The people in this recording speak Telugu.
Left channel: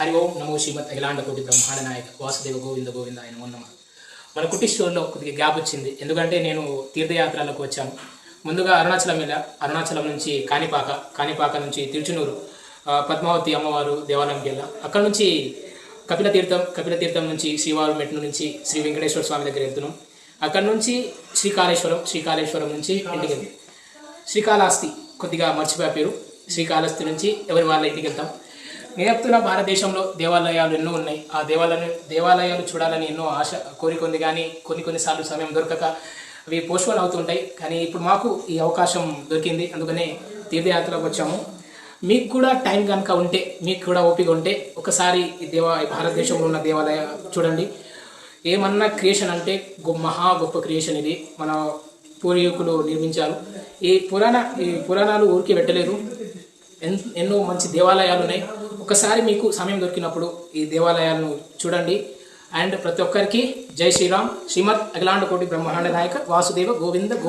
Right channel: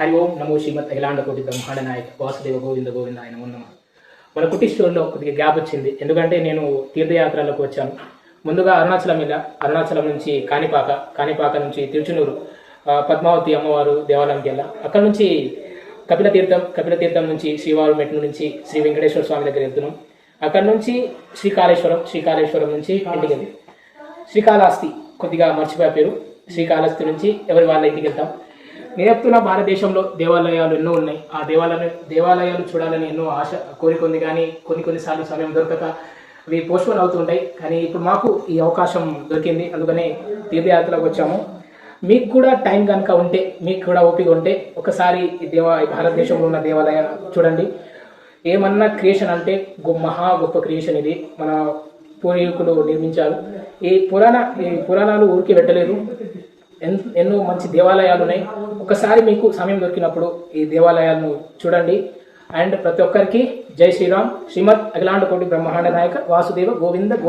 హరి ఓం నమో శ్రీమత్ అఖిలాండ కోటి బ్రహ్మాండ నాయక వాసుదేవ గోవింద గోవింద ఆయన నమ మన కుటీశ్వరంలో కొద్దిగా గ్యాప్ వచ్చింది. ఎందుకంటే నేను తీర్థయాత్రలకు వచ్చాను. ముందుగా అరుణాచలం వెళ్ళా. అరుణాచలం నుంచి కాణిపాక కాణిపాక నుంచి తిరుచునూరు పద్మావతి అమ్మవారు దేవాలయంకి వెళ్ళా. అక్కడ నుంచి కపిల తీర్థం కపిల తీర్థం నుంచి శ్రీవారు మెట్ల నుంచి శ్రీ వెంకటేశ్వర స్వామి దగ్గర వెళ్తున్నాం. అక్కడ నుంచి శ్రీకాళేశ్వరం శ్రీకాళేశ్వరం నుంచి ఇంటికి శ్రీకాళహస్తి కొద్దిగా మర్చిపోయే పేరు శ్రీకాళహస్తి నుంచి ఎవరి వాళ్ళ ఇంటికి వెళ్తాం. నేను చెప్తున్న భారతదేశంలో దేవాలయాలు ఎన్నో ఉన్నాయి. ఆ దేవాలయాలు దేవాలయాలు చూడాలని ఎన్నో ఆశ కోరిక ఉంది కానీ కొన్ని కొన్నిసార్లు సమయం దొరకక అవి పోస్ట్పోన్ అవుతుంటాయి. కానీ ఇప్పుడు మాకు ఈ అవకాశం దొరికింది. అందుకనే తీర్థయాత్రలకు వచ్చాము. మీకు కూడా టైం కనుక ఉంటే మీకు కూడా ఓపిక ఉంటే ఒకసారి ఈ దేవా ఈ భారతదేశంలో ఉన్న దేవాలయ చూడండి. ఏమన్నా క్రియేషన్ అంటే గొ- మహా గొప్ప క్రియేషన్ ఇది. మన పూర్వీకులు నిర్మించారు. ఈ పురాణ ఈ పురాణాలు ఊరికి పెట్టలేదు ఎన్నో మంచి దేవాలయాలు ఉన్నాయి ఒకసారి మీకు సమయం దొరికినప్పుడు ఈ దేవాలయాలను చూడండి. అండ్ ప్రతి ఒక్కరికి జై శ్రీరామ్. శ్రీమద్ అఖిలాండ కోటి బ్రహ్మాండ నాయక వాసుదేవ గోవింద గో